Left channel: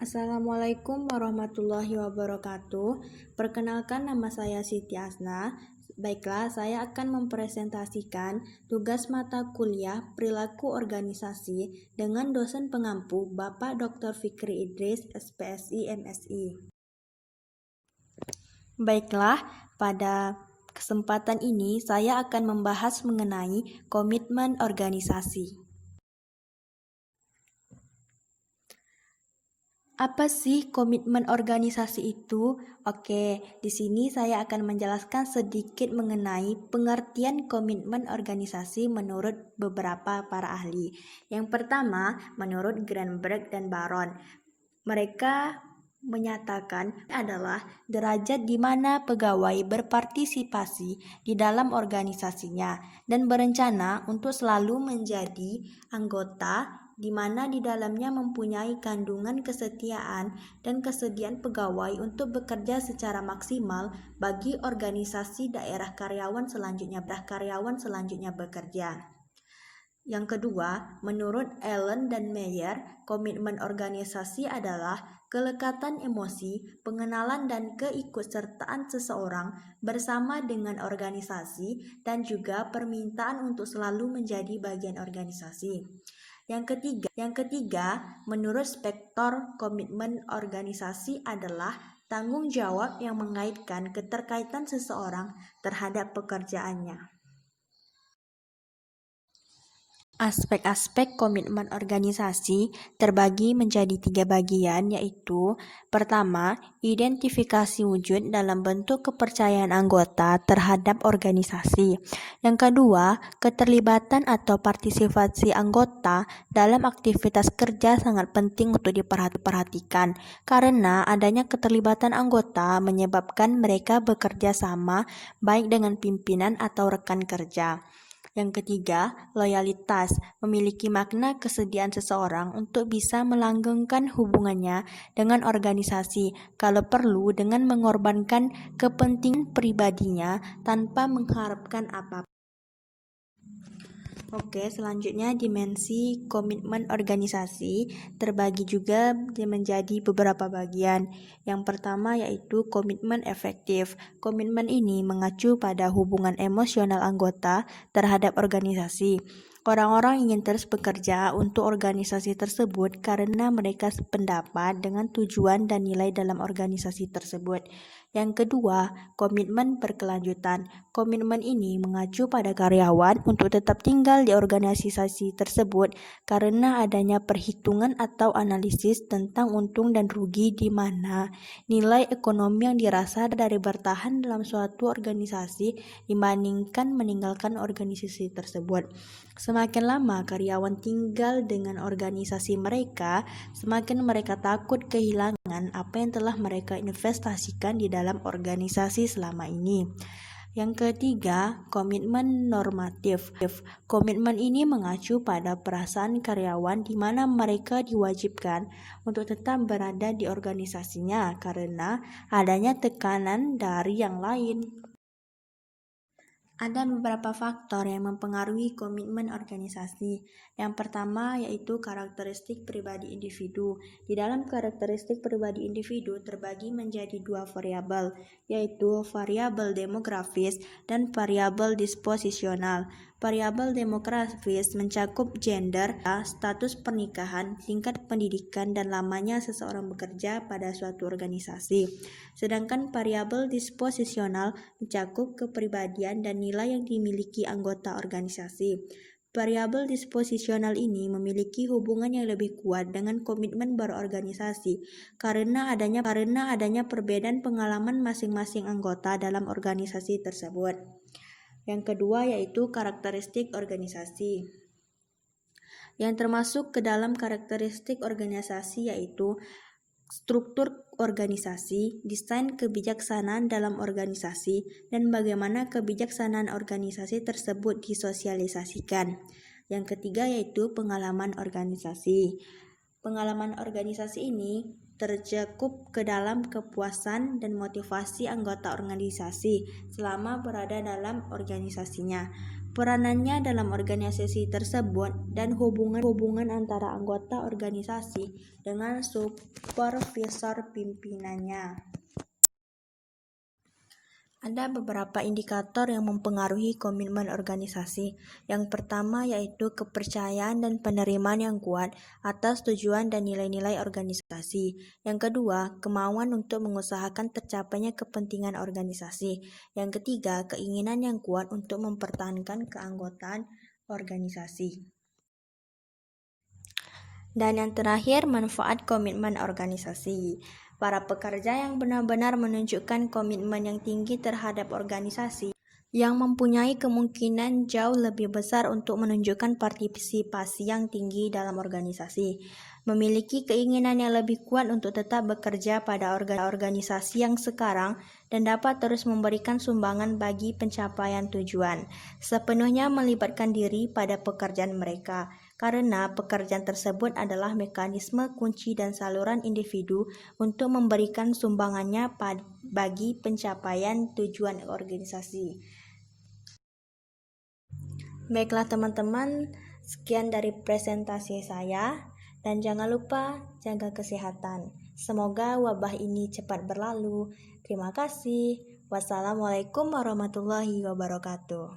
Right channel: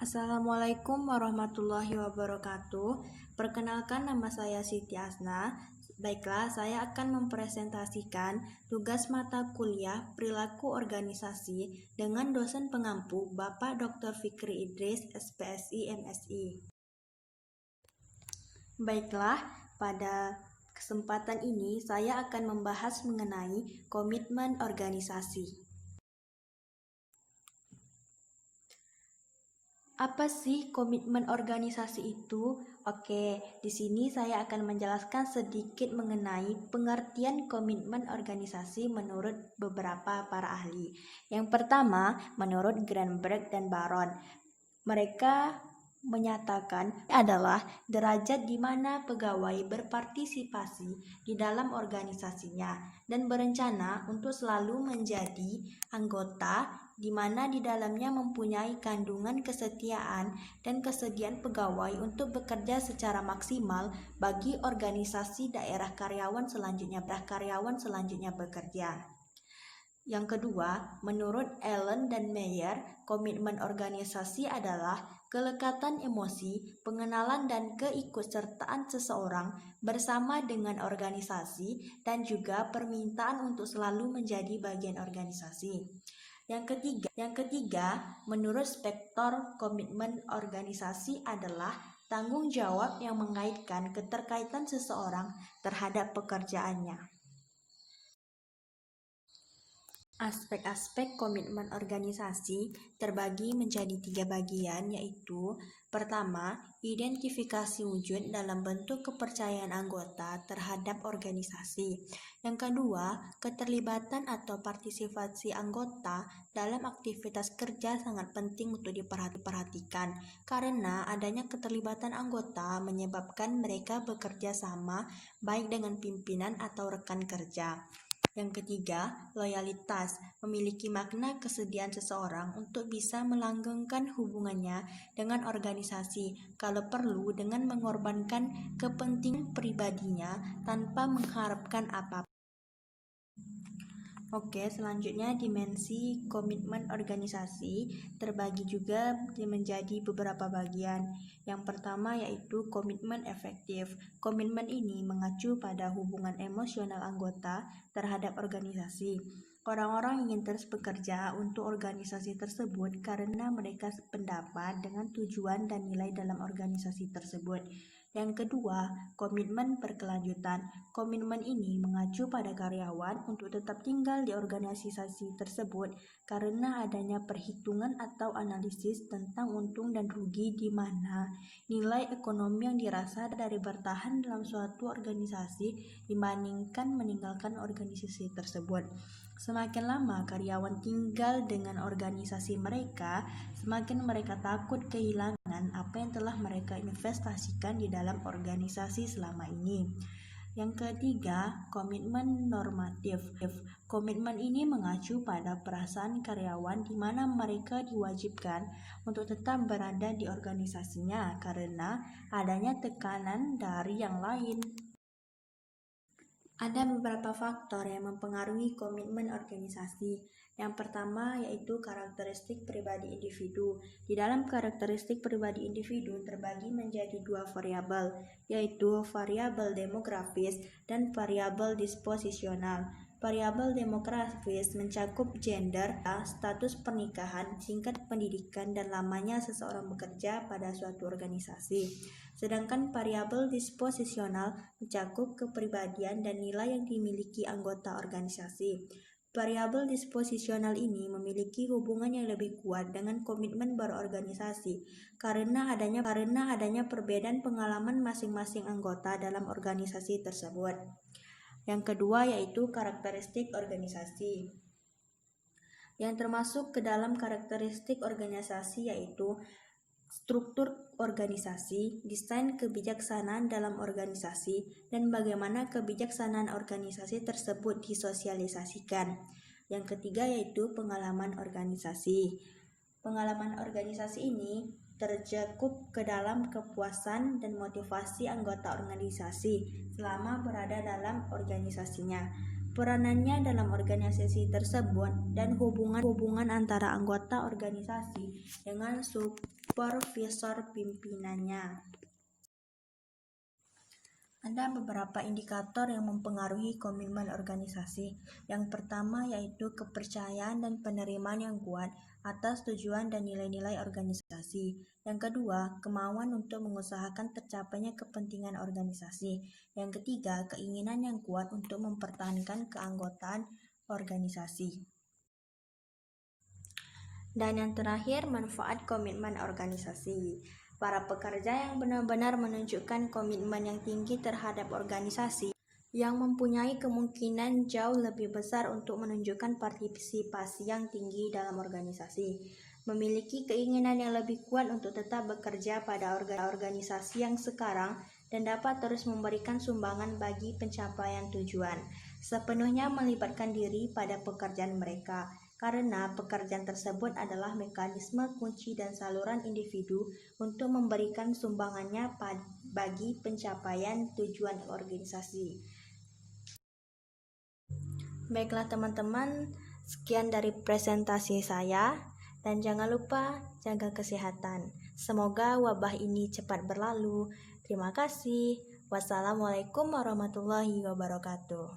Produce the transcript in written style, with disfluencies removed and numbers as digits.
Assalamualaikum warahmatullahi wabarakatuh. Perkenalkan, nama saya Siti Asna. Baiklah, saya akan mempresentasikan tugas mata kuliah Perilaku Organisasi dengan dosen pengampu Bapak Dr. Fikri Idris, SPSI, MSI. Baiklah, pada kesempatan ini saya akan membahas mengenai komitmen organisasi. Apa sih komitmen organisasi itu? Oke, di sini saya akan menjelaskan sedikit mengenai pengertian komitmen organisasi menurut beberapa para ahli. Yang pertama, menurut Greenberg dan Baron, mereka menyatakan adalah derajat di mana pegawai berpartisipasi di dalam organisasinya dan berencana untuk selalu menjadi anggota di mana di dalamnya mempunyai kandungan kesetiaan dan kesediaan pegawai untuk bekerja secara maksimal bagi organisasi daerah karyawan selanjutnya bekerja. Yang kedua, menurut Allen dan Meyer, komitmen organisasi adalah kelekatan emosi, pengenalan dan keikutsertaan seseorang bersama dengan organisasi dan juga permintaan untuk selalu menjadi bagian organisasi. Yang ketiga, menurut Spektor, komitmen organisasi adalah tanggung jawab yang mengaitkan keterkaitan seseorang terhadap pekerjaannya. Aspek-aspek komitmen organisasi terbagi menjadi 3 bagian, yaitu pertama, identifikasi wujud dalam bentuk kepercayaan anggota terhadap organisasi. Yang kedua, keterlibatan atau partisipasi anggota dalam aktivitas kerja sangat penting untuk diperhatikan, karena adanya keterlibatan anggota menyebabkan mereka bekerja sama baik dengan pimpinan atau rekan kerja. Yang ketiga, loyalitas memiliki makna kesediaan seseorang untuk bisa melanggengkan hubungannya dengan organisasi, kalau perlu dengan mengorbankan kepentingan pribadinya tanpa mengharapkan apapun. Oke, selanjutnya dimensi komitmen organisasi terbagi juga menjadi beberapa bagian. Yang pertama yaitu komitmen efektif. Komitmen ini mengacu pada hubungan emosional anggota terhadap organisasi. Orang-orang ingin terus bekerja untuk organisasi tersebut karena mereka sependapat dengan tujuan dan nilai dalam organisasi tersebut. Yang kedua, komitmen berkelanjutan. Komitmen ini mengacu pada karyawan untuk tetap tinggal di organisasi tersebut karena adanya perhitungan atau analisis tentang untung dan rugi di mana nilai ekonomi yang dirasa dari bertahan dalam suatu organisasi dibandingkan meninggalkan organisasi tersebut. Semakin lama karyawan tinggal dengan organisasi mereka, semakin mereka takut kehilangan apa yang telah mereka investasikan di dalam organisasi selama ini. Yang ketiga, komitmen normatif. Komitmen ini mengacu pada perasaan karyawan di mana mereka diwajibkan untuk tetap berada di organisasinya karena adanya tekanan dari yang lain. Ada beberapa faktor yang mempengaruhi komitmen organisasi. Yang pertama yaitu karakteristik pribadi individu. Di dalam karakteristik pribadi individu terbagi menjadi 2 variabel, yaitu variabel demografis dan variabel disposisional. Variabel demografis mencakup gender, status pernikahan, tingkat pendidikan, dan lamanya seseorang bekerja pada suatu organisasi. Sedangkan variabel disposisional mencakup kepribadian dan nilai yang dimiliki anggota organisasi. Variabel disposisional ini memiliki hubungan yang lebih kuat dengan komitmen berorganisasi karena adanya perbedaan pengalaman masing-masing anggota dalam organisasi tersebut. Yang kedua yaitu karakteristik organisasi. Yang termasuk ke dalam karakteristik organisasi yaitu struktur organisasi, desain kebijaksanaan dalam organisasi, dan bagaimana kebijaksanaan organisasi tersebut disosialisasikan. Yang ketiga yaitu pengalaman organisasi. Pengalaman organisasi ini tercakup ke dalam kepuasan dan motivasi anggota organisasi selama berada dalam organisasinya. peranannya dalam organisasi tersebut, dan hubungan antara anggota organisasi dengan supervisor pimpinannya. Ada beberapa indikator yang mempengaruhi komitmen organisasi. Yang pertama yaitu kepercayaan dan penerimaan yang kuat atas tujuan dan nilai-nilai organisasi. Yang kedua, kemauan untuk mengusahakan tercapainya kepentingan organisasi. Yang ketiga, keinginan yang kuat untuk mempertahankan keanggotaan organisasi. Dan yang terakhir, manfaat komitmen organisasi. Para pekerja yang benar-benar menunjukkan komitmen yang tinggi terhadap organisasi, yang mempunyai kemungkinan jauh lebih besar untuk menunjukkan partisipasi yang tinggi dalam organisasi, memiliki keinginan yang lebih kuat untuk tetap bekerja pada organisasi yang sekarang, dan dapat terus memberikan sumbangan bagi pencapaian tujuan, sepenuhnya melibatkan diri pada pekerjaan mereka. Karena pekerjaan tersebut adalah mekanisme kunci dan saluran individu untuk memberikan sumbangannya bagi pencapaian tujuan organisasi. Baiklah teman-teman, sekian dari presentasi saya, dan jangan lupa jaga kesehatan. Semoga wabah ini cepat berlalu. Terima kasih. Wassalamualaikum warahmatullahi wabarakatuh.